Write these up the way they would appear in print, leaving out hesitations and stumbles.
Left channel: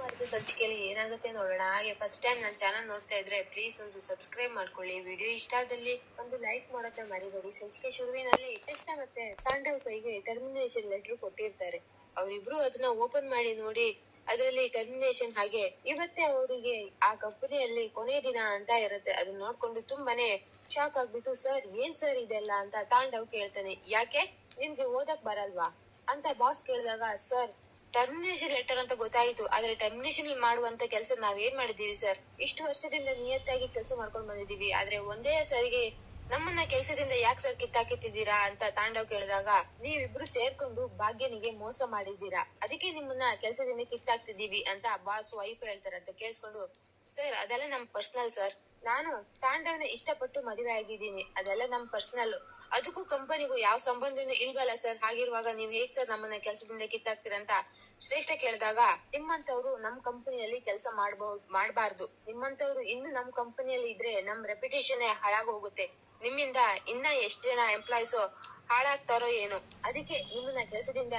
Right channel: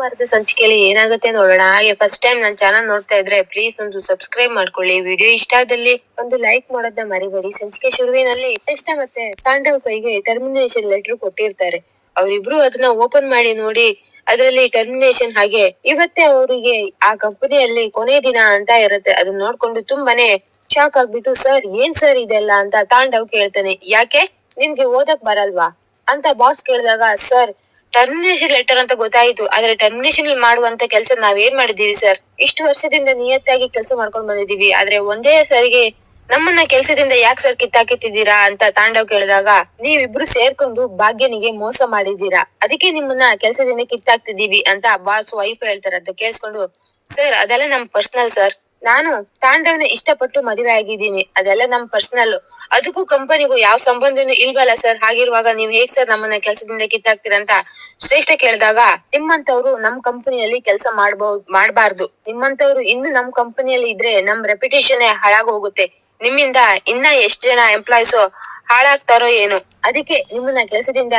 ಸೋಮವಾರದ ಸಂಚಿಕೆಯಲ್ಲಿ ಏನಾಗುತ್ತೆ ನೋಡೋಣ. ಹಾಗೆ ಫಸ್ಟ್ ಟೈಮ್ ನನ್ನ ಚಾನಲ್ ನೋಡ್ತಾ ಇದ್ರೆ ಪ್ಲೀಸ್ ಒಂದು ಸಬ್ಸ್ಕ್ರೈಬ್ ಮಾಡ್ಕೊಳ್ಳಿ. ವಿಡಿಯೋ ಇಷ್ಟ ಆದಲ್ಲಿ ಒಂದು ಲೈಕ್ ಮಾಡೋದನ್ನ ಮರಿಬೇಡಿ. ಸಂಚಿಕೆ ಶುರುವಿನಲ್ಲಿ ಕೃಷ್ಣ ಮತ್ತೆ ತಾಂಡವ್ ಕೈಗೆ ಟರ್ಮಿನೇಷನ್ ಲೆಟರ್ ಕೊಟ್ಟಿರ್ತಾರೆ. ಅವರಿಬ್ರು ಅದನ್ನ ಓಪನ್ ಮಾಡಿ ನೋಡಿ ಅದರಲ್ಲಿ ಟರ್ಮಿನೇಷನ್ ಹಾಗೆ ಇವತ್ತೇ ಅವರಿಗೆ ಆ ಕಂಪನಿಯಲ್ಲಿ ಕೊನೆ ದಿನ ಅಂತ ಇರುತ್ತೆ. ಅದನ್ನ ನೋಡ್ಕೊಂಡು ತುಂಬಾನೇ ಶಾಕ್ ಆಗ್ಬಿಟ್ಟು ಸರ್ ಏನ್ ಸರ್ ಇದೆಲ್ಲ ಅಂತ ತಾಂಡವ್ ಕೇಳ್ತಾನೆ. ಯಾಕೆ ನಿನ್ಗೆ ಓದಕ್ ಬರಲ್ವಾ ಅಂತ ಬಾಸ್ ಕೇಳಿದಾಗ ಸರ್ ಟರ್ಮಿನೇಷನ್ ಲೆಟರ್ ಅಂತ ಗೊತ್ತಾಯ್ತು, ಆದ್ರೆ ಟರ್ಮಿನೇಷನ್ ಮಾಡುವಂತ ಕೆಲಸ ನಾವೇನ್ ಮಾಡಿದೀವಿ ಸರ್. ಇಷ್ಟು ವರ್ಷದಿಂದ ನಿಯತ್ತಾಗಿ ಕೆಲಸ ಮಾಡ್ಕೊಂಡ್ ಬಂದಿದೀವಿ, ಆದ್ರೆ ಒಂದೇ ಸರಿಗೆ ನಮ್ಮನ್ನ ಕೆಲ್ಸದಿಂದ ಯಾಕೆ ಸರ್ ಕಿತ್ತಾಕಿತ್ತಿದ್ದೀರಾ ಅಂತ ತಾಂಡವ್ ಕೇಳಿದಾಗ ನೀವಿಬ್ರು ಸೇರ್ಕೊಂಡು ಭಾಗ್ಯನಿಗೆ ಮೋಸ ಮಾಡಿದೀರಾ, ಅದಕ್ಕೆ ನಿಮ್ಮನ್ನ ಕೆಲ್ಸದಿಂದ ಕಿತ್ತಾಕ್ತಿದೀವಿ ಅಂತ ಬಾಸ್ ವೈಫ್ ಹೇಳ್ತಾರೆ. ಅಂತ ಕೇಳಿಸ್ಕೊಂಡು ಸರ್ ಅದೆಲ್ಲ ನಮ್ ಪರ್ಸನಲ್ ಸರ್, ನಾನು ತಾಂಡವ್ನ ಇಷ್ಟಪಟ್ಟು ಮದುವೆ ಆಗಿದ್ದೀನಿ, ಅದೆಲ್ಲ ನಮ್ ಪರ್ಸನಲ್, ಅದಕ್ಕೂ ಕಂಪನಿಗೂ ಯಾವ ಸಂಬಂಧನೂ ಇಲ್ವಲ್ಲ ಸರ್. ಹಾಗಿರುವಾಗ ನೀವ್ ಹೇಗ್ ಸರ್ ನಮ್ಮನ್ನ ಕೆಲ್ಸದಿಂದ ಕಿತ್ತಾಕ್ತೀರಂತ ಶ್ರೇಷ್ಠ ಕೇಳಿದಾಗ ನಿಮ್ಮಂತವ್ರು ನಮ್ ಕಂಪನಿಯಲ್ಲಿ ಕೆಲಸ ಮಾಡ್ಬಾರ್ದು, ನಿಮ್ಮಂತವ್ರು ಇನ್ನು ನಮ್ ಕಂಪನಿಯಲ್ಲಿ ಇದ್ರೆ ನಮ್ ರೆಪ್ಯುಟೇಷನ್ ಹಾಳಾಗ್ ಹೋಗುತ್ತೆ, ನಿಮ್ಮಿಂದ ಇನ್ನ ಎಷ್ಟ್ ಜನ ಎಂಪ್ಲಾಯ್ಸ್ ಹಾಳಾಗ್ತಾರೋ ಏನು, ಅದಕ್ಕೆ ನಿಮ್ಮನ್ನ ಕೆಲಸದಿಂದ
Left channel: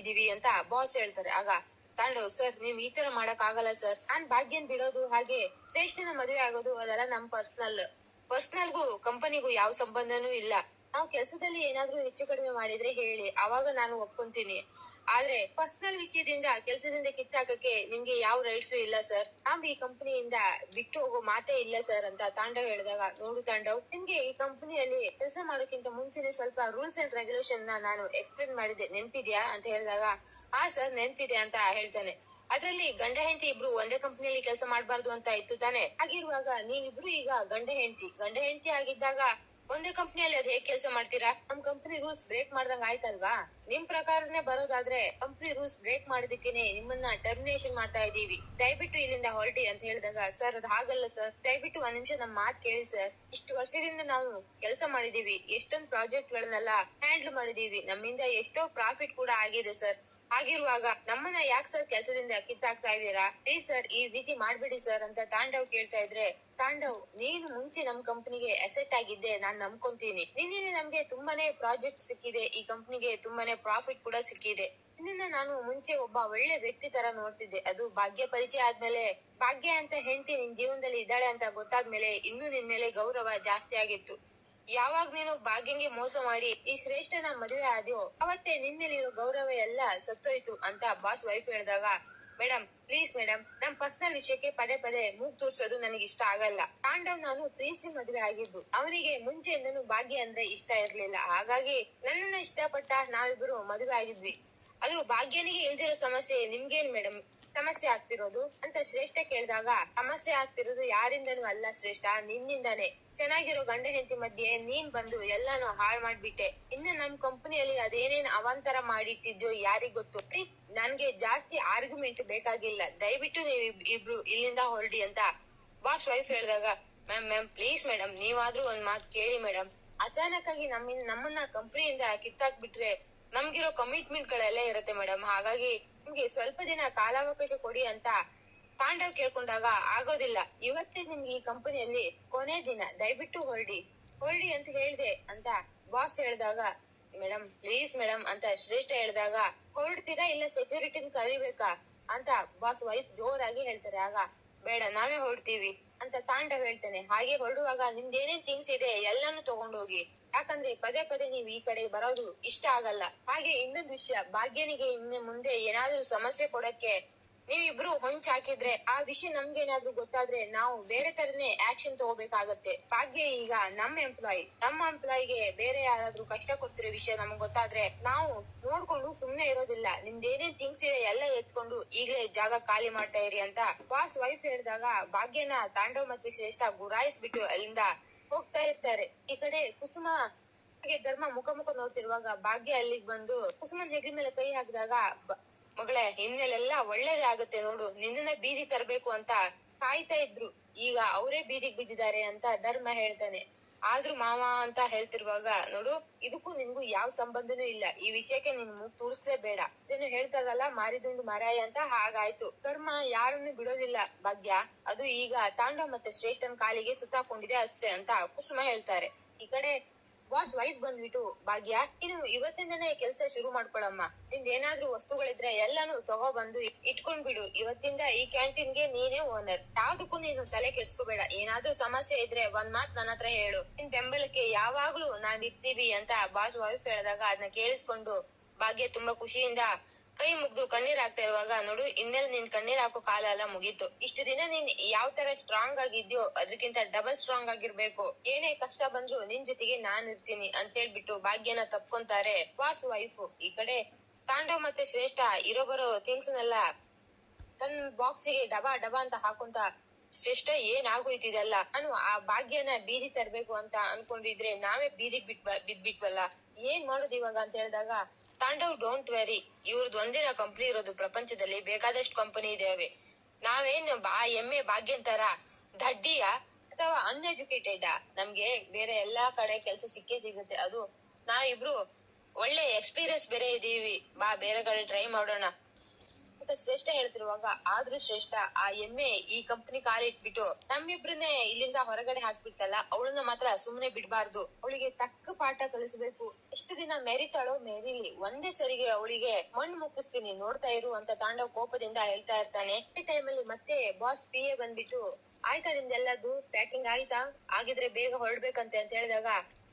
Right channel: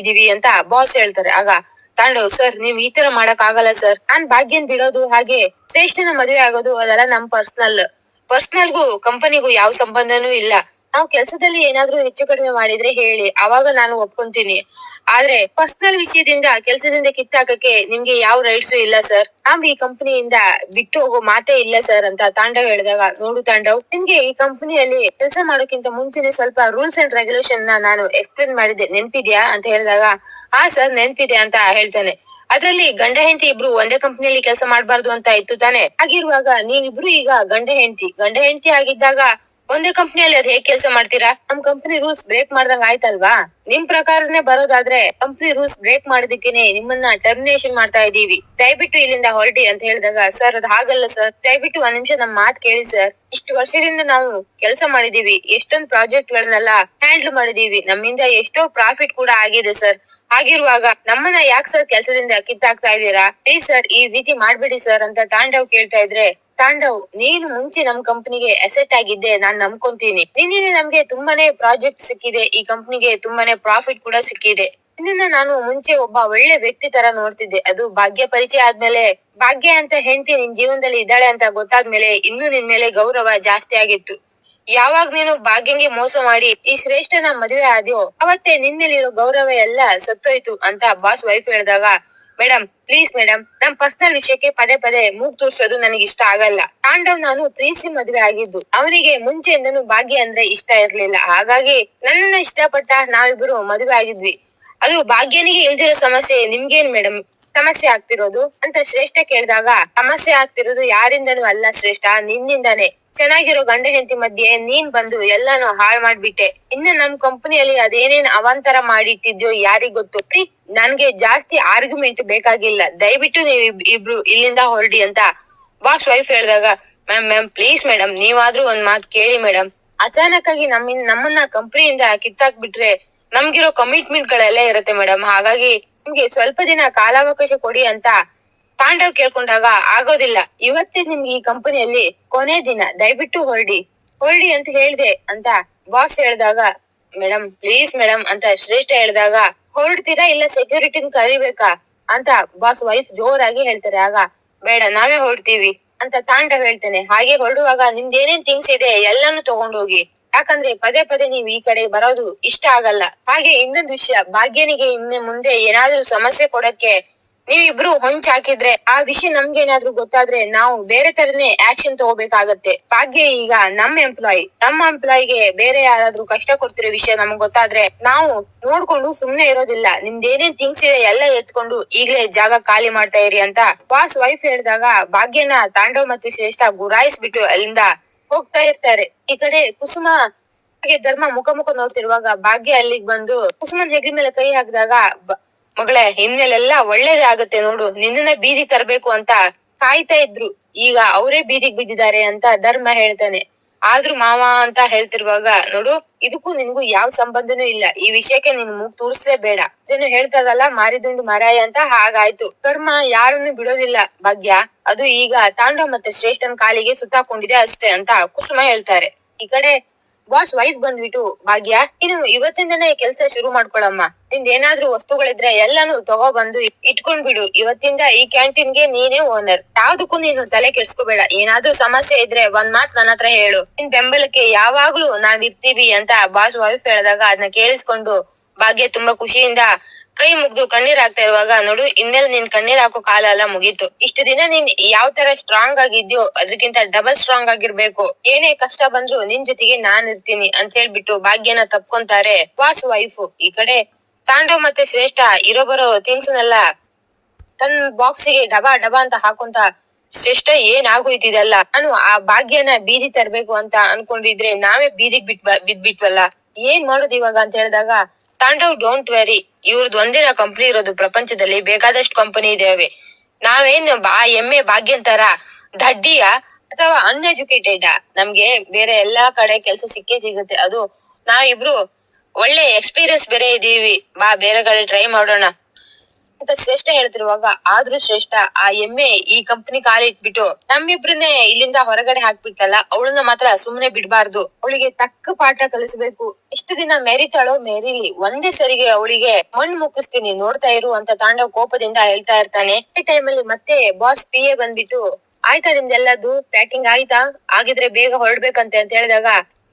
ಇದೀವಿ ಅಂತ ಬಾಸ್ ಹೇಳ್ತಾರೆ. ಆಗ ತಾಂಡವ್ ಸರ್ ನೀವ್ ಈ ತರ ಮಾಡಕ್ ಆಗಲ್ಲ ಸರ್, ನಾನ್ ಭಾಗ್ಯನ್ ಬಿಡೋದು ಹಾಗೆ ಶ್ರೇಷ್ಠನ ಮದುವೆ ಆಗೋದು ಅದೆಲ್ಲ ನಮ್ ಪರ್ಸನಲ್ಗೂ ಕಂಪನಿಗೂ ಯಾವ ಸಂಬಂಧನೂ ಇಲ್ಲ. ನಾವು ಕೆಲ್ಸದಲ್ಲಿ ಏನಾದ್ರೂ ಹೆಚ್ಚು ಕಡಿಮೆ ಮಾಡಿದ್ರೆ ಹೇಳಿ, ಅವಾಗ ನಾನು ಒಪ್ಕೊಂತೀನಿ, ಆದ್ರೆ ಪರ್ಸನಲ್ ವಿಷಯದಿಂದ ಕೆಲ್ಸದಿಂದ ಕಿತ್ತಾಕಕ್ಕೆ ನಿಮ್ಗೆ ಯಾವ ರೈಟ್ಸು ಇಲ್ಲ ಸರ್, ನಾವ್ ಈ ಕಂಪನಿಯಿಂದ ಬಿಟ್ಟು ಹೋಗೋ ಮಾತೇ ಇಲ್ಲ ಸರ್ ಅಂತ ತಾಂಡವ್ ಹೇಳಿದಾಗ ನೋಡು ತಾಂಡವ್, ನಿನ್ಗೆ ಈ ಕಂಪನಿಯಲ್ಲಿ ಕೆಲಸ ಮಾಡೋಕ್ಕಿಂತ ಮುಂಚೆನೆ ಸ್ವಲ್ಪ ರೂಲ್ಸ್ ಅಂಡ್ ರೆಗ್ಯುಲೇಷನ್ ನಾನು ಎಕ್ಸ್ಪ್ಲೇನ್ ಮಾಡಿದ್ದೆ, ನೆನ್ಪಿದ್ಯಾ ಅಂತ ಹೇಳಿದಾಗ ಹಾ ಸರ್ ನೆನ್ಪಿದೆ ಅಂತ ಹೇಳ್ತಾನೆ. ಅದ್ರಲ್ಲಿ ಗಂಡ ಹೆಂಡತಿ ಇಬ್ರು ಒಂದೇ ಕಂಪನಿಯಲ್ಲಿ ಕೆಲಸ ಮಾಡ್ಬಾರ್ದು ಅಂತ ಇತ್ತು ತಾನೆ, ಹಾಗಿರುವಾಗ ನೀವಿಬ್ರು ಈಗ ಗಂಡ ಹೆಂಡತಿ ಆಗಿದ್ದಾಗ ಒಂದೇ ಕಂಪನಿಯಲ್ಲಿ ಅದ್ ಹೇಗ್ ಕೆಲಸ ಮಾಡ್ತೀರಾ, ನಮ್ ಕಂಪನಿ ರೂಲ್ಸ್ ಬ್ರೇಕ್ ಮಾಡ್ದಂಗ ಆಯ್ತಲ್ವಾ. ನಿಮ್ ಪ್ರಕಾರನೇ ಬರೋದಾದ್ರೆ ಕಂಪನಿ ರೂಲ್ಸ್ ಬ್ರೇಕ್ ಮಾಡೋದಕ್ಕೇನೆ ನಿಮ್ಮನ್ನ ಟರ್ಮಿನೇಷನ್ ಮಾಡ್ತಾ ಇದೀವಿ, ದಯವಿಟ್ಟು ಇಲ್ಲಿಂದ ಹೊರಡಿ ಅಂತ ಹೇಳಿದಾಗ ಸರ್ ಅದ್ ಹಾಗಲ್ಲ ಸರ್, ದಯವಿಟ್ಟು ಒಂದ್ ನಿಮಿಷ ನಮ್ ಮಾತ್ ಕೇಳಿ ಸರ್, ಇಷ್ಟು ವರ್ಷದಿಂದ ನಾವು ಕೆಲಸ ಮಾಡಿದೀವಿ, ಎಷ್ಟೊಂದ್ ಪ್ರಾಜೆಕ್ಟ್ ಗಳನ್ನೆಲ್ಲ ಹ್ಯಾಂಡಲ್ ಮಾಡಿದೀವಿ, ನಮ್ಮಿಂದ ಎಷ್ಟೋ ಪ್ರಾಫಿಟ್ ಕೂಡ ಆಗಿದೆ ಸರ್, ಹಾಗಿರುವಾಗ ನಮ್ಮನ್ನ ಯಾಕೆ ಸರ್ ಕೆಲಸದಿಂದ ಕಿತ್ತಾಕ್ತಾ ಇದೀರಾ, ಪ್ಲೀಸ್ ಸರ್ ಈ ರೀತಿ ಮಾಡ್ಬೇಡಿ ಸರ್ ಅಂತ ತಾಂಡವ್ ಕೇಳ್ತಾ ಇದ್ರೆ ತಾಂಡವ್ ನೀನು ಮುಂಚೆ ನಮ್ ಕಂಪನಿಗೆ ಅಸೆಟ್ ಆಗಿದ್ದೆ ನಾನ್ ನಂಬ್ಕೊಂತೀನಿ, ನಿನ್ನೆ ನಮ್ಗೆ ತುಂಬಾನೇ ಪ್ರಾಜೆಕ್ಟ್ ಸಿಕ್ಕಿದೆ, ಈ ಕಂಪನಿಗೆ ತುಂಬಾನೇ ಪ್ರಾಫಿಟ್ ಕೂಡ ಸಿಕ್ಕಿದೆ, ನಿನ್ನ ನಾನು ಮುಂಚೆ ಒಬ್ಬ ಒಳ್ಳೆ ವ್ಯಕ್ತಿ ತರ ನೋಡ್ತಿದ್ದೆ, ಅದು ಭಾಗ್ಯ ಪರಿಚಯ ಆದ್ಮೇಲೆ ಭಾಗ್ಯ ಅಂತ ಹೆಂಡತಿ ನಿನ್ ಜೀವನದಲ್ಲಿ ಇದ್ದಾಳೆ ಅಂತ ಗೊತ್ತಾದ್ಮೇಲೆ ಇನ್ನು ನಿನ್ ಮೇಲೆ ಗೌರವ ಜಾಸ್ತಿ ಆಗಿತ್ತು. ಯಾವಾಗ ನೀನು ಭಾಗ್ಯಂಗೆ ಮೋಸ ಮಾಡಿ ಈ ಶ್ರೇಷ್ಠನ ಮದುವೆ ಆದ್ಯೋ ಅವತ್ತೇ ನಿನ್ ಮೇಲಿರೋ ಗೌರವ ಎಲ್ಲ ಸತ್ತೋಯ್ತು ಅಂತ ಬಾಸ್ ವೈಫ್ ಹೇಳಿದಾಗ ಮೇಡಮ್ ಪ್ಲೀಸ್ ಮೇಡಮ್, ನಮ್ ಪರ್ಸನಲ್ ವಿಷಯಕ್ಕೆ ಪದೇ ಪದೇ ಮೂಗ್ ತೋರ್ಸೋದು ನನಗೆ ಇಷ್ಟ ಆಗಲ್ಲ. ತಾಂಡವ್ ನಾನು ಪ್ರೀತಿ ಮದುವೆ ಆಗಿದ್ದು, ಅವನಿಗೆ ಮುಂಚೆಯಿಂದನು ಭಾಗ್ಯ ಅಂದ್ರೆ ಇಷ್ಟ ಇರ್ಲಿಲ್ಲ, ಹಾಗಾಗಿ ನನ್ನನ್ನ ಇಷ್ಟಪಟ್ಟ ನಾವಿಬ್ರು ಮದುವೆ ಆಗಿದ್ವಿ, ಅದು ಭಾಗ್ಯನಿಗೆ ಇಲ್ದಿರೋ ಸಮಸ್ಯೆ ನಿಮ್ಗೇನ್ ಮೇಡಮ್ ಸಮಸ್ಯೆ ಆಗ್ತಿರೋದು ಅಂತ ಶ್ರೇಷ್ಠ ಕೇಳಿದಾಗ ಸಮಸ್ಯೆ ಆಗ್ತಿರೋದು ಯಾರಿಂದನೂ ಅಲ್ಲ ಶ್ರೇಷ್ಠ, ನಿನ್ನಿಂದಾನೆ. ಚೆನ್ನಾಗಿರೋ ಗಂಡ ಹೆಂಡತಿ ಮಧ್ಯೆ ನೀನ್ ಬಂದು ಎಲ್ಲಾನು ಹಾಳ್ ಮಾಡ್ಬಿಟ್ಟೆ, ಇನ್ನು ನಮ್ ಕಂಪನಿಯಲ್ಲಿ ಅದೇನೇನ್ ಅವಾಂತರ ಮಾಡಿಟ್ಟಿದ್ಯೋ ಯಾರಿಗ್ ಗೊತ್ತು. ನನ್ಗೆ ಜಾಸ್ತಿ ಆರ್ಗ್ಯುಮೆಂಟ್ ಬೇಕಾಗಿಲ್ಲ, ದಯವಿಟ್ಟು ನೀವ್ ಇಬ್ರು ಇಲ್ಲಿಂದ ಹೊರಡಿ ಅಂತ ಬಾಸ್ ವೈಫ್ ಹೇಳಿದಾಗ ಮ್ಯಾಮ್ ಪ್ಲೀಸ್ ಮೇಡಮ್ ನೀವಾದ್ರೂ ಒಂದ್ ಮಾತ್ ಕೇಳಿ ಮೇಡಮ್, ಅಚಾನಕ್ ಆಗಿ ನಮ್ಮನ್ನ ಕಂಪನಿಯಿಂದ ಕಿತ್ತಾಕ್ಬಿಟ್ರೆ ನಮ್ಗಿರೋ ಕಮಿಟ್ಮೆಂಟ್ ಗಳೆಲ್ಲ ಇರುತ್ತೆ ಮೇಡಮ್, ಹಾಗಾಗಿ ನಿಮ್ಗೆ ಸ್ವಲ್ಪ ದಿನ ಕಾಲಾವಕಾಶ ಕೊಡಿ ಅಂತ ತಾಂಡವ್ ಕೇಳ್ಕೊಂಡಾಗ ಆಗೋದಿಲ್ಲ, ಇವತ್ತೇ ನಿಮ್ಗೆ ಈ ಕಂಪನಿಯಲ್ಲಿ ಕೊನೆ ದಿನ, ದಯವಿಟ್ಟು ಹೊರಡಿ ಅಂತ ಹೇಳ್ದೆ ಅಂತ ಬಾಸ್ ಹೇಳಿದಾಗ ಮೇಡಮ್ ಪ್ಲೀಸ್ ಮೇಡಮ್ ಅಂತ ಶ್ರೇಷ್ಠ ಹೇಳಿದಾಗ ಹೊರಡ್ತೀರಾ ಇಲ್ಲ ಸೆಕ್ಯೂರಿಟಿನ ಕರಿಬೇಕಾ ಅಂತ ಬಾಸ್ ವೈಫ್ ಜೋರಾಗಿ ಹೇಳ್ತಾರೆ. ಆಗ ಬೇಡ ನಾವೇ ಹೊರಡ್ತೀವಿ ಅಂತ ತಾಂಡವ್ ಹೇಳ್ತಾನೆ. ಹಾಗೆ ಹೊರಡುವಾಗ ನಿಮ್ದು ಏನೇನ್ ಥಿಂಗ್ಸ್ ಇದೆ ಎಲ್ಲಾನು ತಗೊಂಡೋಗಿ, ಯಾಕಂದ್ರೆ ಪದೇ ಪದೇ ನೀವ್ ಈ ಕಡೆ ಬರೋದು ಇಷ್ಟ ಆಗಲ್ಲ. ಹಾಗೆ ಇನ್ನೊಂದು ವಿಷಯ, ಭಾಗ್ಯನಿಗೆ ಇನ್ನು ಮುಂದೆ ಏನಾದ್ರೂ ಸಮಸ್ಯೆ ಕೊಡಕ್ಕೆ ನೀವಿಬ್ರು ಹೊಂಚ್ ಹಾಕಿದ್ರೆ ಆ ವಿಷಯ ನಮ್ಗೆ ಏನಾದ್ರೂ ಗೊತ್ತಾದ್ರೆ ನಾವು ಬೇರೆ ತರನೇ ಆಕ್ಷನ್ ತಗೋಬೇಕಾಗತ್ತೆ. ಭಾಗ್ಯ ಈಗ ನಮ್ಮ ಎಂಪ್ಲಾಯಿಗೆ ಬೇರೆ ಯಾರಾದ್ರೂ ಕಷ್ಟ ಕೊಡ್ತಿರೋ ವಿಷಯ ನಮ್ಗ್ ಗೊತ್ತಾದ್ರೆ ನಾವು ನೋಡ್ಕೊಂಡು ಸುಮ್ನೆ ಇರೋದಿಲ್ಲ, ನಿಮ್ದು ಏನೇನ್ ಥಿಂಗ್ಸ್ ಇದೆ ಎಲ್ಲ ಎತ್ಕೊಂಡು ಈಗ್ಲೇ ಜಾಗ ಖಾಲಿ ಮಾಡ್ತಾ ಇರಿ ಅಂತ ಬಾಸ್ ವೈಫ್ ಹೇಳಿದಾಗ ಭಾಗ್ಯನ ತಾಂಡವ್ ಮತ್ತು ಶ್ರೇಷ್ಠ ಗುರಾಯಿಸ್ಬಿಟ್ಟು ಅಲ್ಲಿಂದ ಹೋಗ್ತಾ ಇರ್ತಾರೆ. ಈ ಕಡೆ ಕುಸುಮ ಹಾಗೆ ಧರ್ಮ ಮುಖ ನೋಡ್ತಿರುವಾಗ ಭಾಗ್ಯ ಅಲ್ಲಿಗ್ ಬಂದು ಕುಸುಮನ್ ಹೆಗಲ ಮೇಲೆ ಕೈ ಹಾಕಿದಾಗ ಮಗಳೇ ಇನ್ಮೇಲೆಲ್ಲ ಒಳ್ಳೇದೇ ಆಗುತ್ತೆ ನೋಡು, ನಿನ್ನನ್ನ ಬೀದಿಗೆ ತರಬೇಕು ಅಂತ ಕಾಯ್ತಾ ಇದ್ರು, ಈಗ ಅವರೇ ಬೀದಿಗೆ ಬಿದ್ದಿದ್ದಾರೆ ಅಂತ ಧರ್ಮ ಹೇಳ್ತಾನೆ. ಆದ್ರೂ ಮಾವ ಅಂತ ಹೇಳ್ತಿರುವಾಗ ನೋಡು ಇದಕ್ಕೂ ನಿನ್ಗೂ ಯಾವ ಸಂಬಂಧನೂ ಇಲ್ಲ, ಈ ವಿಷಯಕ್ಕೆ ನೀನ್ ಮೂಗ್ ತೂರ್ಸ್ಲೇ ಬೇಡ, ಇದನ್ನು ಹೇಳ್ತಾರಲ್ಲ ಮಾರಿದುಂಡು ಮರಾಯ ಅಂತ. ಹಾಗಾಯ್ತು, ಧರ್ಮ ಯಾರನ್ನು ಬಿಡೋದಿಲ್ಲ ಭಾಗ್ಯ, ಅದು ಈಗ ತಾಂಡವ್ ಮತ್ತೆ ಶ್ರೇಷ್ಠನ್ ಕಾಲಿಗೆ ಸುತ್ತಾಕೊಂಡಿದೆ ಅಷ್ಟೇ ಅಂತ ಕುಸುಮ ಹೇಳ್ತಾರೆ. ಈ ಕಡೆ ಬಾಸ್ ವೈಫ್ ಬಂದ್ಬಿಟ್ಟು, ಭಾಗ್ಯ ನೀನು ಇವತ್ತಿಂದನೇ ಕೆಲ್ಸ ಶುರು ಮಾಡ್ಕೊಳಮ್ಮ. ನಿಂದ ಏನಾದ್ರೂ ವಸ್ತುಗಳಿದ್ರೆ ಎಲ್ಲಾನು ತಗೋ ಬಂದು ಇಟ್ಕೊಂಡ್ಬಿಡು. ಇವತ್ತಿಂದ ಈ ಕ್ಯಾಂಟೀನ್ಗೆ ನೀನೇ ಓನರ್. ಯಾವ್ದಕ್ಕೂ ನೀನು ತಲೆ ಕೆಡ್ಸ್ಕೋಬೇಡ. ಏನಾದ್ರೂ ಸಮಸ್ಯೆ ಇದ್ರೆ ಒಂದ್ ಮಾತ್ ನನ್ನ ಹತ್ರ ಹೇಳು. ನಿನ್ ಬೆಂಬಲಕ್ಕೆ ಯಾವಾಗ್ಲೂ ನಾವ್ ಇರ್ತೀವಿ ಅಂತ ಬಾಸ್ ವೈಫ್ ಹೇಳಿದಾಗ ಅದನ್ನ ಕೇಳಿಸ್ಕೊಂಡು ಭಾಗ್ಯ ತುಂಬಾ ಖುಷಿಯಿಂದ ಕೈ ಮುಗ್ದು ಕಣ್ಣೀರ್ ಹಾಕ್ತಾ ಇರುವಾಗ, ನೋಡು ಇನ್ಮೇಲೆ ನೀನ್ ಕಣ್ಣೀರ್ ಹಾಕೋ ಕಾಲ ಎಲ್ಲ ಮುಗೀತು. ಇಷ್ಟು ದಿನ ನೀನ್ ಯಾವ ತರ ಸ್ಟ್ರಾಂಗ್ ಆಗಿದ್ಯೋ ಅದಕ್ಕಿಂತ ಡಬಲ್ ಸ್ಟ್ರಾಂಗ್ ಆಗಿರ್ಬೇಕು. ಏನೇ ಕಷ್ಟ ಬಂದ್ರು ನಿನ್ ಜೊತೆಗೆ ನಾನ್ ಇರ್ತೀನಿ ಅಂತ ಹೇಳ್ಬಿಟ್ಟು ಭಾಗ್ಯನ ತಪ್ಕೊಂತಾರೆ ಬಾಸ್ ವೈಫ್. ಈ ಕಡೆ ತಾಂಡವ್ ಮತ್ತೆ ಶ್ರೇಷ್ಠ ಇರೋ ಬರೋ ಥಿಂಗ್ಸ್ ನೆಲ್ಲ ತನ್ನ ಬಾಕ್ಸಿಗೆ ಡಬಾ ಡಬಾ ಅಂತ ಹಾಕೊಂತ, ಶ್ರೇಷ್ಠ ಏನಾಗೋಯ್ತಿದೆಲ್ಲ, ನಾನು ಆ ಭಾಗ್ಯನ ಬೀದಿ ತರ್ಬೇಕು ಅಂತ ಅನ್ಕೊಂಡಿದ್ರೆ ನಾವೇ ಬೀದಿಗ್ ಬಿದ್ಬಿಟ್ವಲ್ಲ, ಏನ್ ಮಾಡೋದು ಇವಾಗ ಅಂತ ಹೇಳಿದಾಗ, ತಾಂಡವ್ ಡೋಂಟ್ ವೆರಿ, ಇವ್ರದ್ದು ಒಂದೇನ ಕಂಪನಿ ಇರೋದು, ಪ್ರಪಂಚದಲ್ಲಿ ಬೇಕಾದಷ್ಟು ಕಂಪನಿ ಇದಾವೆ. ನಾವೇನ್ ಎಮ್ಮೆ ಭಾಗ್ಯನ್ ತರ ದಡ್ಡಿಯ ಅಥವಾ ಅನ್ಎಜುಕೇಟೆಡ್? ನಮ್ಗೆ ಬೇರೆ ಎಲ್ಲಾ ಕಡೆ ಕೆಲ್ಸ ಸಿಕ್ಕೇ ಸಿಗುತ್ತೆ. ಅದು ನಾವಿಬ್ರು ಒಳ್ಳೆ ಎಕ್ಸ್ಪೀರಿಯನ್ಸ್ ಬೇರೆ ಇದೀವಿ, ಬೇರೆ ಕಡೆ ಟ್ರೈ ಮಾಡೋಣ ಅಂತ ಶ್ರೇಷ್ಠ ಹೇಳ್ತಿರುವಾಗ, ಆದ್ರೂ ಶ್ರೇಷ್ಠ ಆ ಎಮ್ಮೆ ಈ ಕಂಪನಿ ಕಾಲಿ ಇಟ್ಬಿಟ್ಟು ನಮ್ಮಿಬ್ರನ್ನೇ ಇಲ್ಲಿಂದ ಹೊರಗಡೆ ಹಾಕ್ಬಿಟ್ಟಲ್ಲ, ಅವಳನ್ನ ಮಾತ್ರ ಸುಮ್ನೆ ಬಿಡ್ಬಾರ್ದು. ಅವಳಿಗೆ ತಕ್ಕ ಪಾಠ ಕಲಿಸ್ಬೇಕು. ಎಷ್ಟು ದಿನ ಮೆರಿತಾಳೋ ಮೆರೀಲಿ, ಒಂದೇ ಸರಿಗೆ ಅವಳಿಗೆ ಮಣ್ಣು ಮುಕ್ಕಿಸ್ತೀನಿ, ನೋಡ್ತಾ ಇರು ಅಂತ ತಾಂಡವ್ ಕೋಪದಿಂದ ಹೇಳ್ತಾ ಇರ್ತಾನೆ. ಈ ಟೈಮಲ್ಲಿ ಮತ್ತೆ ಬಾಸ್ PA ಬಂದ್ಬಿಟ್ಟು, ಆಯ್ತಾ ನಿಮ್ದೆಲ್ಲದು ಪ್ಯಾಕಿಂಗ್ ಆಯ್ತಾ? ಆಗಿದ್ರೆ ಬೇಗ ಹೊರಡ್ಬೇಕಂತೆ ಅಂತ ಹೇಳಿದಾಗ,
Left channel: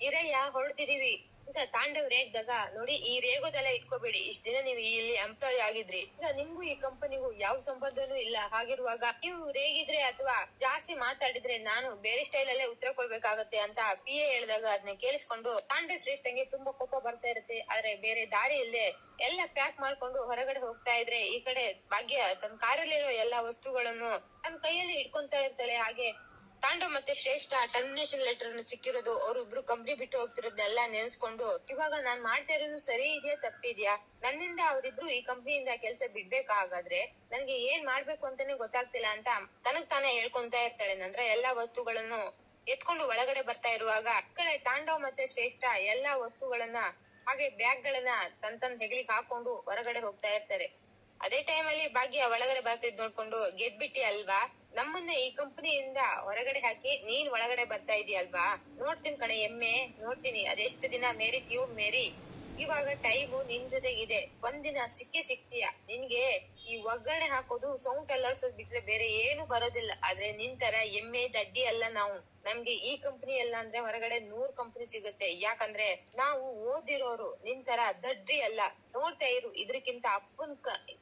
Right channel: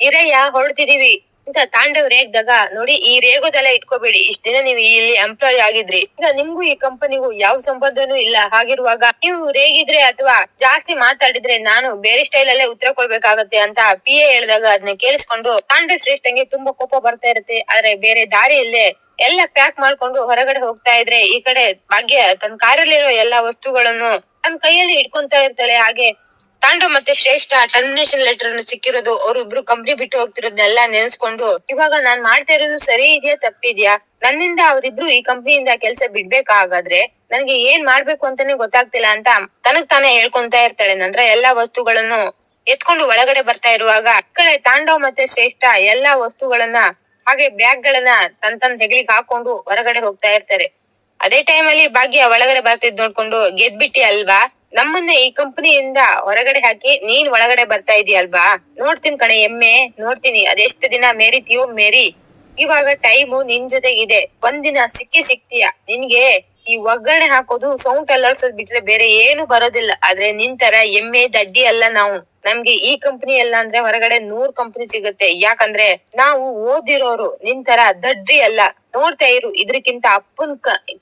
ಇರಯ್ಯ ಹೊರಡ್ತಿದೀವಿ ಅಂತ ತಾಂಡವ್ ರೇಗ್ದಾಗ, ನೋಡಿ ಈ ರೇಗೋದೆಲ್ಲ ಇಟ್ಕೋಬೇಡಿ, ಇಷ್ಟ ದಿನ ನೀವು ಇಲ್ಲಿ ಎಂಪ್ಲಾಯ್ ಆಗಿದ್ರಿ, ಈಗ ನಿಮ್ಗೂ ಈ ಕಂಪನಿಗೂ ಯಾವ ಸಂಬಂಧನೂ ಇಲ್ಲ. ಹಾಗಿರುವಾಗ ನೀವು ರೇಗಿದ್ರೆ ಅಥವಾ ಜಾಸ್ತಿ ಮಾತಾಡಿದ್ರೆ ನಾನು ಬೇರೆ ಸ್ಟೈಲ್ ಅಲ್ಲೇ ಉತ್ತರ ಕೊಡ್ಬೇಕಾಗತ್ತೆ ಅಂತ PA ಹೇಳಿದಾಗ ಅದನ್ನ ಕೇಳಿಸ್ಕೊಂಡು ತಾಂಡವ್ ಶ್ರೇಷ್ಠಂಗೆ ತುಂಬಾ ಕೋಪ ಬರ್ತಾ ಇರುತ್ತೆ. ಆದ್ರೆ ಬೇರೆ ದಾರಿ ಇಲ್ಲೇ ಎಲ್ಲ ಪ್ಯಾಕ್ ಮಾಡ್ಕೊಂಡು ಹೊರಗಡೆ ಹೋಗ್ತಾ ಇದ್ರೆ, ಈ ಕಡೆ ಭಾಗ್ಯ ತನ್ನ ಕಾರಲ್ಲಿರೋ ಎಲ್ಲಾ ವಸ್ತುಗಳನ್ನು ತನ್ನ ಕೈಯಲ್ಲಿ ಇಟ್ಕೊಂತಾ ಇರ್ತಾಳೆ. ಹಾಗೆ ತಾಂಡವ್ ಮತ್ತೆ ಶ್ರೇಷ್ಠ ಟರ್ಮಿನೇಷನ್ ಲೆಟರ್ ಅನ್ನು ಸಿಕ್ಕಿರೋದು, ಅವ್ರಿಬ್ರು ಕಂಪ್ನಿ ಬಿಟ್ಟು ಹೋಗ್ತಿರೋದನ್ನೆಲ್ಲ ನೆನೆಸ್ಕೊಂಡು, ಇವಾಗ ನಾನ್ ಮಾಡ್ತಾ ಇರೋದು ಸರಿ ಇದೆಯಾ ತಪ್ಪಿದ್ಯಾ? ನನ್ನಿಂದ ಅವ್ರಿಬ್ರು ಈ ಕಂಪ್ನಿಯಿಂದ ಕೆಲ್ಸ ಬಿಡ್ಬೇಕಾಗಾದ್ರೆ ನನ್ಗೆ ಏನ್ ಮಾಡ್ಬೇಕು ಅಂತಾನೆ ಗೊತ್ತಾಗ್ತಿಲ್ಲ ಅಂತ ತನಗ್ ತಾನೇ ಹೇಳ್ಕೊಂತ ಇರ್ತಾಳೆ. ನಂತರ ಎಲ್ಲಾ ವಸ್ತುಗಳನ್ನು ಎತ್ಕೊಂಡು ಒಳಗಡೆ ಬರ್ತಾ ಇರುವಾಗ, ಕಡೆ ತಾಂಡವ್ ಮತ್ತೆ ಶ್ರೇಷ್ಠ ಎಲ್ಲಾ ವಸ್ತುಗಳನ್ನ ಹಾಗೆ ಬ್ಯಾಗ್ ಗಳನ್ನ ತನ್ ಹೆಗ್ಲಿಗೆ ಹಾಕೊಂಡು ಹೊರಗಡೆ ಹೋಗ್ತಾ ಇರ್ತಾರೆ. ಅದೇ ಟೈಮ್ ಅಲ್ಲಿ ಭಾಗ್ಯ ಒಳಗಡೆ ಬರ್ತಿದ್ ನೋಡ್ಕೊಂಡು, ಗೆದ್ಬಿಟ್ಟಿ ಅಲ್ವಾ, ನಮ್ಮನ್ನ ಈ ಕಂಪನಿಯಿಂದ ಹೊರಗಡೆ ಹಾಕಿ ನೀನ್ ಒಳಗಡೆ ಬರ್ತಾ ಇದೀಯಲ್ವಾ, ನೋಡ್ತೀನಿ ಕಣೆ ಎಮ್ಮೆ, ನೋಡ್ತೀನಿ ಅದೆಷ್ಟು ದಿನ ಮೇರಿತೀಯೋ ಮೇರಿ, ಇವಾಗ ಟೈಮು ನಿನ್ ಜೊತೆಗಿದೆ, ಒಂದಿನ ಸಿಕ್ತೀಯ. ನಿನ್ಗೆ ಈ ಒಗ್ಗರಣೆ ಹಾಕೋದು, ಸೌಂಡ್ ಅಲರ್ಸೋದ್ ಬಿಟ್ರೆ ಬೇರೆ ಏನು ಬರೋದಿಲ್ಲ. ಆದ್ರೆ ನಿನ್ ತರ ಎಮ್ಮೆ ದಡ್ಡಿ ಅಲ್ಲ ನಾವು. ನಮ್ಗೆ ಈ ಕಂಪನಿ ಎಲ್ಲ ಅಂದ್ರೆ ಹೊರಗಡೆ 100 ಕಂಪನಿ ಸಿಗುತ್ತೆ. ಯಾಕಂದ್ರೆ ನಾವು ಓದಿರೋರು, ನಿನ್ ತರ ದಡ್ಡಿ ಅಲ್ಲ. ನೋಡ್ತಾ ಇರು, ಇದ್ರಕ್ಕಿಂತ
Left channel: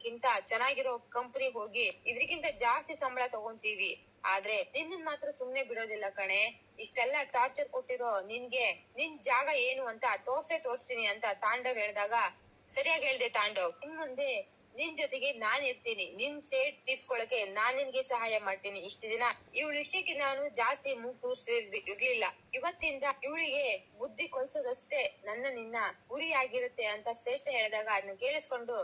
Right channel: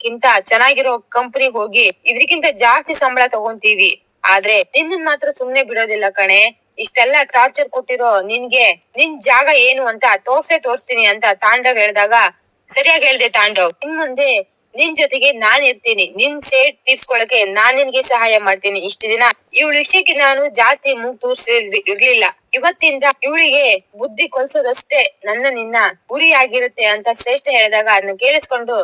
ಕಿಂತ ಚೆನ್ನಾಗಿರೋ ಕಂಪನಿಗೆ ಹೋಗಿ ಇದ್ರಕ್ಕಿಂತ ಜಾಸ್ತಿ ಸಂಬಳ ತಗೊಂತೀವಿ. ಆದ್ರೆ ನಿನ್ನ ಮಾತ್ರ ಸುಮ್ನೆ ಬಿಡೋದಿಲ್ಲ ಕಣೆ. ಇಷ್ಟೆಲ್ಲ ಟಾರ್ಚರ್ ಕೊಟ್ಟಿರೋ ನಿನ್ಗೆ ನಿನ್ ಜಾಗ ಏನು ಅಂತ ತೋರ್ಸ್ತೀನಿ ಅಂತ ತಾಂಡವ್ ಹೇಳ್ದಾಗ, ಸರಿಯಾಗಿ ಹೇಳ್ದೆ ತಾಂಡವ್, ಇನ್ ಮುಂದೆ ನಿನ್ ಜೊತೆಗೆ ನಾನ್ ಇರ್ತೀನಿ, ನಿನ್ ಸೇಡ್ ತೀರ್ಸ್ಕೊಳಕ್ಕೆ ನಾನ್ ನಿನ್ಗೆ ಸಹಾಯ ಮಾಡ್ತೀನಿ. ಇಷ್ಟ ದಿನ ಇವಳ ವಿಷಯಕ್ಕೆ ನಾನು ಜಾಸ್ತಿ ಮೂಗ್ ಇರ್ಲಿಲ್ಲ, ಇವತ್ತಿಂದ ಇವಳಿಗೆ ಬುದ್ಧಿ ಕಲ್ಸೋದಷ್ಟೇ ನಿನ್ನ ಗುರಿ ಆಗಿರುತ್ತೆ ಅಂತ ಶ್ರೇಷ್ಠ ಹೇಳಿದಾಗ ಅದನ್ನ ಕೇಳಿಸ್ಕೊಂಡು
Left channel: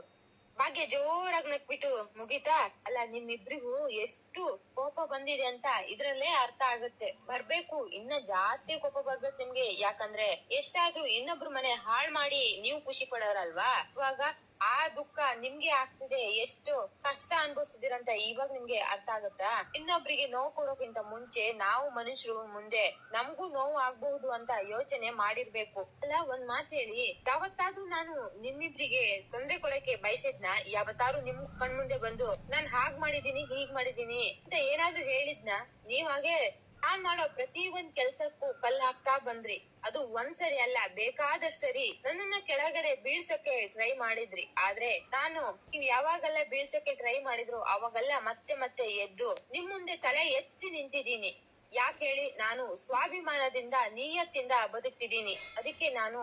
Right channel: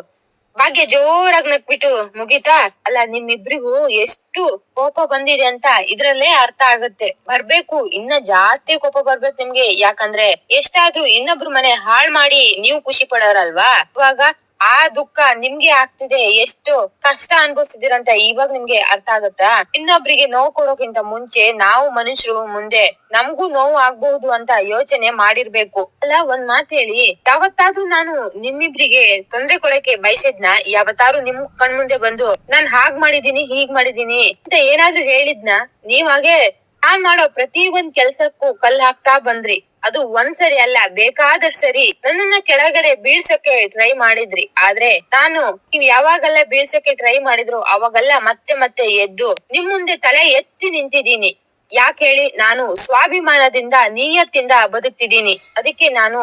ಭಾಗ್ಯ ಜೋರಾಗಿ ನಕ್ಬಿಟ್ಟು, ಮುಗಿತಾ? ಅಲ್ಲ, ನಿಮ್ಮಿಬ್ರಿಗೂ ಎಷ್ಟು ಕೋಪ ಬಂದಿದೆ ಅಂತ ಇದ್ರಲ್ಲೇ ಅರ್ಥ ಆಗುತ್ತೆ. ಬರ್ಬೇಕು, ಇನ್ನ ಜಾಸ್ತಿ ಕೋಪ ಬರ್ಬೇಕು ನಿಮ್ಗೆ. ಯಾಕಂದ್ರೆ ಎಷ್ಟಾದ್ರೂ ಇನ್ನೊಬ್ರು ಮನೆ ಹಾಳ್ ಮಾಡಿ ನೀವು ಖುಷಿ ಪಡೋರಲ್ವಾ, ಇವಾಗ ಆ ದುಃಖ ನಿಮ್ಗೆ ಆಗ್ತಿದೆ, ಎಷ್ಟು ಕಷ್ಟ ಅನ್ಭವಿಸ್ತಿದ್ದೀರಂತ ಇವಾಗ ನಿಮ್ಗೆ ಅರ್ಥ ಆಗತ್ತಾ? ಇನ್ನೊಬ್ರಿಗೆ ನೋವು ಕೊಡೋಕ್ಕಿಂತ ಮುಂಚೆ ನಾವು ಮನುಷ್ಯರು, ಮುಂದೆ ನಮ್ಗೂ ನೋವು ಆಗ್ಬಹುದು ಅಂತ ಯೋಚನೆ ಮಾಡಿರ್ಬೇಕು. ಅಲ್ಲ, ಒಂದ್ ಮಾತ್ ಹೇಳಿ, ಯಾವತ್ತಾದ್ರೂ ನಾನು ನಿಮ್ಮಿಬ್ರಿಗೆ ತೊಂದ್ರೆ ಕೊಡಕ್ಕೆ ಬಯಸಿದ್ನ? ಯಾವತ್ತಾದ್ರೂ ನಿಮ್ ಕಣ್ಮುಂದೆ ಬಂದು ನಾನ್ ಹಾಗ್ ಮಾಡಿದೀನಿ ಹೀಗ್ ಮಾಡಿದೀನಿ ಅಂತ ಏನಾದ್ರೂ ಹೇಳಿದ್ನ? ನೀವ್ ಹಾಗೆ ನಾನ್ ಮಾಡೋ ಪ್ರತಿ ಒಂದ್ ಕೆಲ್ಸಕ್ಕೂ ಕಲ್ ಹಾಕ್ತಾ ಬಂದ್ರಿ. ಅದು ಒಂದ್ಸರಿ ಅಲ್ಲ, ಬೇಕಾದಷ್ಟು ಸರಿ ನನ್ನನ್ನ ಕೆಳಗಡೆ ಬೀಳ್ಸಕ್ಕೆ ಟ್ರೈ ಮಾಡಿದ್ರಿ. ಆದ್ರೆ ನಾನು ನೀವ್ ಯಾವಾಗೆಲ್ಲ ಬೀಳ್ಸಕ್ಕೆ ಟ್ರೈ ಮಾಡಿದ್ರು ಅವಾಗೆಲ್ಲ ಮತ್ತೆ ಎದ್ದು ನಿಮ್ ಮುಂದೆ ತಲೆ ಎತ್ತಿ ನಿಂತಿದ್ದೀನಿ. ಯಾಕೆ ಹೇಳಿ? ನಾನು ಸ್ವಾಭಿಮಾನದಿಂದ ನಿಯತ್ತಿಂದ ಬದುಕ್ತಿದ್ದೀನಿ. ಅದಕ್ಕೆ ನಾನು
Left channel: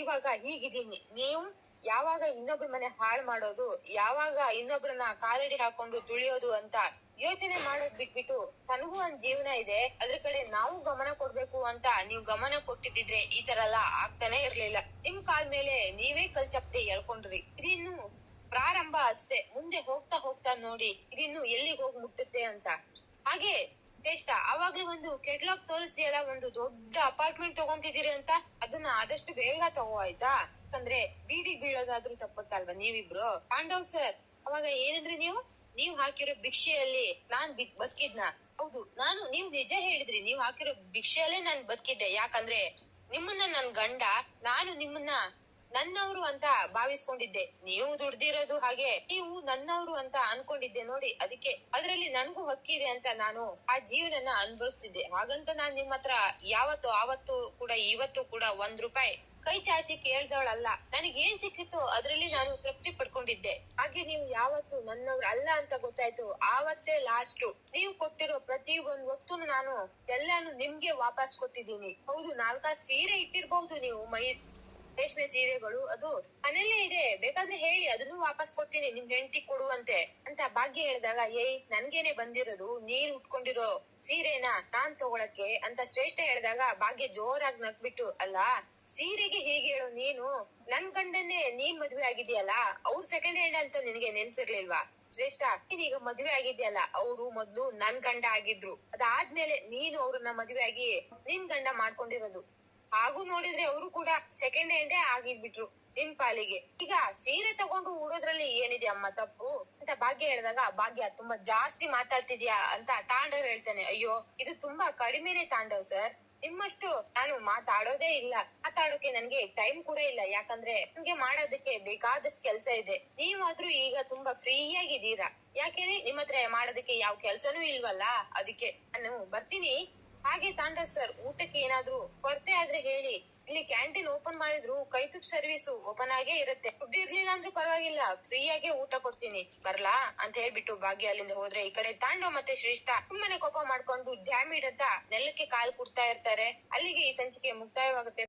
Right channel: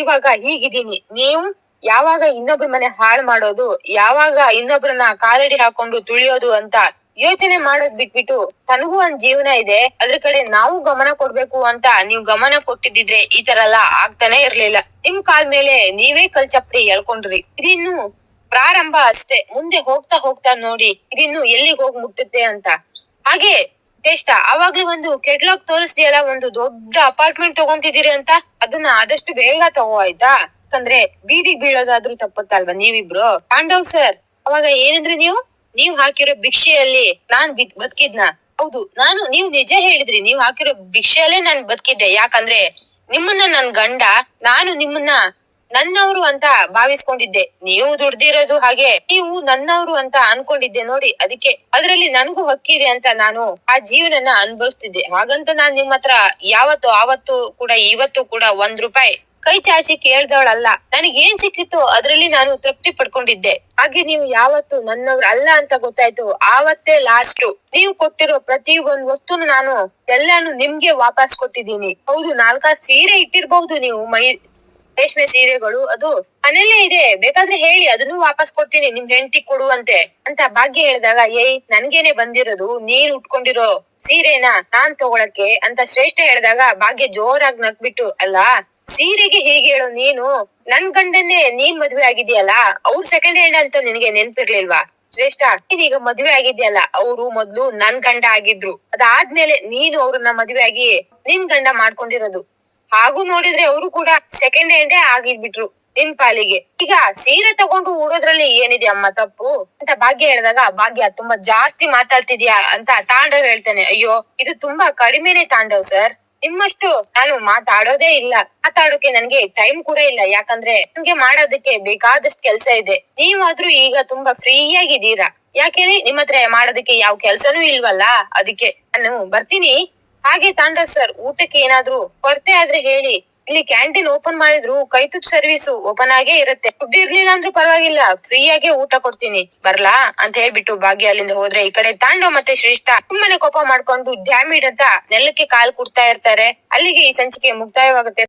ಇವಾಗ ಹೀಗಿದ್ದೀನಿ. ನೀವು ಯಾವಾಗ ಇನ್ನೊಬ್ರ ಮನೆ ಹಾಳು ಮಾಡೋದು, ಯಾವಾಗ ಇನ್ನೊಬ್ರನ್ನ ಕಾಲಡಿ ಹಾಕೊಂಡು ತುಳಿಯೋದು ಅಂತ ಯೋಚನೆ ಮಾಡೋದ್ ಬಿಟ್ಬಿಟ್ಟು, ತನಗೂ ಒಂದ್ ಜೀವನ ಇದೆ, ಅದ್ರ ಕಡೆ ನಾವು ಗಮನ ಕೊಡ್ಬೇಕು ಅಂತ ನೀವ್ ಗಮನ ಕೊಟ್ಟಿದ್ರೆ ಈ ತರ ಎಲ್ಲ ಆಗ್ತಾನೆ ಇರ್ಲಿಲ್ಲ. ನಿಮ್ ಕಾಲ್ ಮೇಲೆ ನೀವೇ ಕಲ್ ಚಪ್ಪಡಿ ಎಳ್ಕೊಂಡ್ರಿ. ಇದಿನ್ನು ಪ್ರಾರಂಭ ಅಷ್ಟೇ, ಮುಂದೆ ಹೋಗ್ತಾ ನೋಡಿ ಇದಿನ್ನು ಎಲ್ಲಿಗೆ ಹೋಗ್ ಮುಟ್ಟುತ್ತೆ ಅಂತ. ಹಾಗೆ ಟೇಷ್ಟ ಅವಾಗ್ಲೂ ಒಂದು ಕೆಟ್ಲಾಗ್ ತೋರಿಸ್ದಿಯಲ್ಲ, ಒಂದು ದೊಡ್ಡ ಅಪಾರ್ಟ್ಮೆಂಟ್ ತಗೊಂತಿದ್ದೀರಿ ಅಂತ, ಅದನ್ನ ಆದಷ್ಟು ಬೇಗ ತಗೋ ಆಯ್ತಾ? ಯಾಕಂದ್ರೆ ಬೀದಿಗ್ ಬೀಳೋದಾದ್ರೂ ತಪ್ಪುತ್ತಲ್ವಾ ನೀವಿಬ್ರು? ಪಾಂಡವ್ ಸರ್, ಅವಾಗ ಏನಂದ್ರೆ ನೀವ್ ಹಾಕಿರೋ ಭಿಕ್ಷೆಯಲ್ಲಿ ನಾನ್ ಬದುಕಿದ್ನ? ಹೌದು, ನೀವು ನಿಜ ಹೇಳಿದ್ರಿ. ನೀವು ಹಾಕಿರೋ ಭಿಕ್ಷೆಯಲ್ಲೇ ನಾನ್ ಬದುಕಿದ್ದೆ. ಯಾಕಂದ್ರೆ ನಿಮ್ಮನ್ನ ನನ್ ಗಂಡ, ನಾನು ನಿಮ್ಮನ್ನ ನನ್ನವರು ಅಂತ ಭಾವಿಸ್ಕೊಂಡಿದ್ದೆ. ನೀವು ದುಡ್ದಿರೋದು ಹಾಗೆ, ನೀವು ನನ್ನವರು ಅಂತ ಅನ್ಕೊಂಡಿದ್ದೆ ನೋಡಿ. ಅದಕ್ಕೆ ಅದ್ರಲ್ಲಿ ನನ್ಗೂ ಹಕ್ಕಿದೆ ಅಂತ ನಾನು ಆ ಜೀವನನ ಅನುಭವಿಸ್ತಿದ್ದೆ. ಹಾಗಂತ ನಾನ್ ನಿಮ್ ಹತ್ರ ಆವತ್ತು ಕೂಡ ಇವತ್ತು ಕೂಡ ₹1 ಕೈ ಚಾಚಿ ಕೇಳ್ದವಳಲ್ಲ. ನನಗ್ ಏನ್ ಸಿಕ್ಕಿತ್ತು ಅದ್ರಲ್ಲಿ ನಾನು ತೃಪ್ತಿ ಪಡ್ಕೊಂಡಿದ್ದೆ. ಹಾಗೆ ನೀವು ಯಾವತ್ತು ನನ್ನವ್ರ ಅಲ್ಲ ಅಂತ ಗೊತ್ತಾಯ್ತು ಆವತ್ತೇ ಲಾಸ್ಟ್. ನೀವು ಕೊಟ್ಟಿರೋ ಪ್ರತಿ ಒಂದ್ ವಸ್ತುನು ನಾನು ಎಲ್ಲಾನು ನಿಮ್ಗೆ ವಾಪಸ್ ಕೊಟ್ಟಿದ್ದೀನಿ. ಹೌದು, 4-6 ಸೀರೆ ಇಟ್ಟಿರ್ಬಹುದು ನೀವು, ರೇಷ್ಮೆ ಸೀರೆಗಳು, ಅದು ಮನೇಲೇ ಇದೆ, ಬೇಕಾದ್ರೆ ಹೇಳಿ, ಅದನ್ನು ವಾಪಸ್ ಕೊಡ್ತೀನಿ ನಿಮ್ ಹೆಂಡತಿ ಕೊಡುವಂತೆ ಅಂತ ಭಾಗ್ಯ ಹೇಳಿದಾಗ, ನನ್ಗೇನೆ ಬಂದಿರೋದು, ನೀನ್ ಉಟ್ಕೊಂಡಿರೋ ಸೀರೆನ ನಾನ್ ತಗೊಳಕ್ಕೆ ಅಂತ ಶ್ರೇಷ್ಠ ಹೇಳಿದಾಗ ಭಾಗ್ಯ ಜೋರಾಗಿ ನಕ್ಬಿಟ್ಟು, ಅಲ್ಲ ಸೀರೆಗೆ ಹೀಗೆ ಹೇಳು ನೀನು, ನನ್ ಗಂಡನ್ನೇ ನೀನ್ ಮದ್ವೆ ಆಗಿದ್ಯಲ್ಲ, ಅವ್ರು ಸೆಕೆಂಡ್ ಹ್ಯಾಂಡ್ ಅಂತ ನಿನಗೆ ನೆನ್ಪಿರ್ಲಿಲ್ವಾ ಶ್ರೇಷ್ಠ? ನೀನೀಗ ಮದ್ವೆ ಆಗಿದ್ಯಲ್ಲ, ಅವ್ರು ಮೊದ್ಲು ನನ್ ಗಂಡ ಆಗಿದ್ರು, ಅದಾದ್ಮೇಲೆ ನೀನು ಅವ್ರನ್ನ ಮದ್ವೆ ಆಗಿ ನಿನ್ ಗಂಡ ಮಾಡ್ಕೊಂಡಿರೋದು. ಹಾಗೂ ನೋಡಿದ್ರೆ ಅವರು ಕೂಡ ಸೆಕೆಂಡ್ ಹ್ಯಾಂಡೇ ಆಗಿದ್ಬಿಟ್ರು ನಿನ್ ಪಾಲಿಗೆ. ಈಗ ಸೀರೆ ತಗೊಂಡು ಉಡೋದ್ರಲ್ಲಿ ಏನಿದೆ ಅಮ್ಮ ತಪ್ಪು ಅಂತ ಭಾಗ್ಯ ಹೇಳಿದಾಗ, ಭಾಗ್ಯ ತುಂಬಾ ಜಾಸ್ತಿ ಮಾತಾಡ್ತಿದ್ಯಾ ಅಂತ ತಾಂಡವ್ ಹೇಳ್ತಾನೆ. ಅಯ್ಯೋ, ಇದು ತುಂಬಾ ಕಡಿಮೆನೆ ತಾಂಡವ್ ಸರ್, ನಿಮ್ಮಷ್ಟು ನಾನು ಮಾತಾಡೋದೇ ಇಲ್ಲ. ಮಾತಾಡೋಕೆ ನನ್ಗೆ ಟೈಮ್ ಕೂಡ ಇಲ್ಲ. ಯಾಕಂದ್ರೆ ನನ್ಗೆ ಮಾಡೋದಕ್ಕೆ ಬೇಕಾದಷ್ಟು ಕೆಲ್ಸ ಇದೆ. ನೀವಾದ್ರೂ ಈಗ ತುಂಬಾ ಫ್ರೀ ಆಗಿದ್ದೀರಾ. ಯಾಕೇಳಿ, ನಿಮ್ ಹತ್ರ ಮಾಡೋದಕ್ಕೆ ಯಾವ ಕೆಲ್ಸನೂ ಇಲ್ವಲ್ಲ, ಅದಕ್ಕೆ ನಾನು ಬರ್ತೀನಿ. ಹಾಗೆ ತಾಂಡವ್ ಸರ್, ಊಟಕ್ಕೆ ಏನಾದ್ರೂ ಕೊರತೆ ಆದ್ರೆ ಹೇಳಿ, ಇಲ್ಲಿ ಕ್ಯಾಂಟೀನ್ ಓಪನ್ ಮಾಡಿದ್ರು ಕೈ ತುತ್ತು ಸರ್ವಿಸ್ ಓಪನ್ ಆಗೇ ಇರುತ್ತೆ. ದುಡ್ಡು ಇರ್ಲಿಲ್ಲ ಅಂದ್ರೂ ಪರವಾಗಿಲ್ಲ, ಫ್ರೀ ಆಗೇ ಊಟ ಕೊಡ್ತೀನಿ, ಬರ್ಲಾ ಅಂತ ಹೇಳ್ಬಿಟ್ಟು ಭಾಗ್ಯ ಅಲ್ಲಿಂದ ಹೋದ್ರೆ, ಈ ಕಡೆ ತಾಂಡವ್ ಮತ್ತೆ ಶ್ರೇಷ್ಠ ಸುಮ್ಮನೆ ಕೋಪ ಮಾಡ್ಕೊಂಡು ಡ್ಯಾಮಿಡ್ ಅಂತ ನೆಲಕ್ಕೆ ಕಾಲ್ ಕುಡ್ತಾ ಇರ್ತಾರೆ. ಅಲ್ಲಿಗೆ ಈ ಸಂಚಿಕೆ ಮುಕ್ತಾಯವಾಗುತ್ತೆ.